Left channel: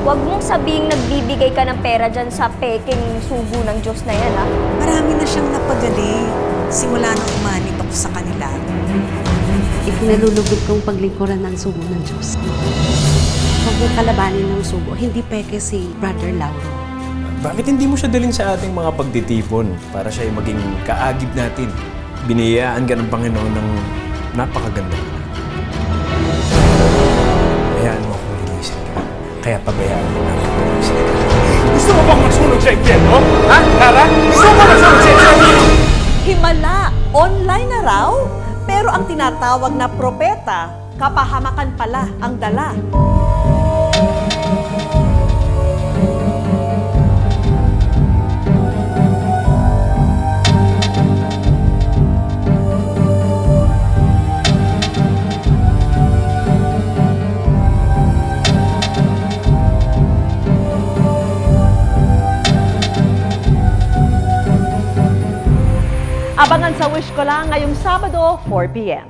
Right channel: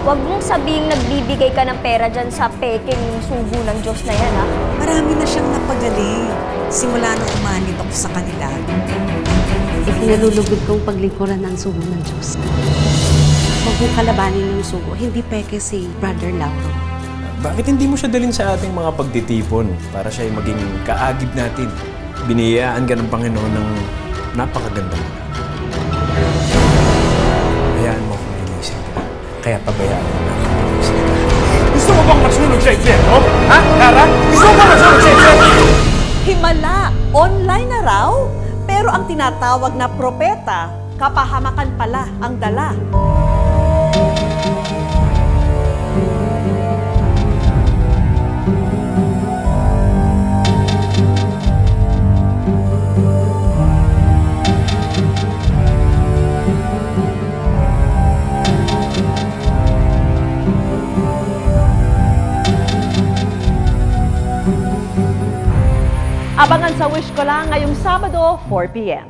Huwag mong sabihing nagbibigay ka ng pera dyan sa peking sugo ng Diyos na yan, ha? Marami na siyang napagaling. Simula nung umanib ako sa kanila. Ikinalulugod kong paglingkuran ng sugo ng Diyos. Huwag mong kalabanin ng sugo, hindi peke si Brother Lauro. Bakit hindi mo siya dalhin sa ating mga pagtitipon para siya ay maging kaagib natin? Biniyayaan ka ng Panginoon ng napakagandang anak. Hayaan mo akong linisin ka. Kaya pabayaan mo na akong linisin ka. Gusto mo bang masunog sa impyerno? Ha, Kara? Gusto mo bang masunog sa impyerno? Himala, online na raw, pero ang tinatawag na propeta, kapahamakan pala ang dala. Abangan sa Wish Ko Lang ngayong Sabado, 4 p.m.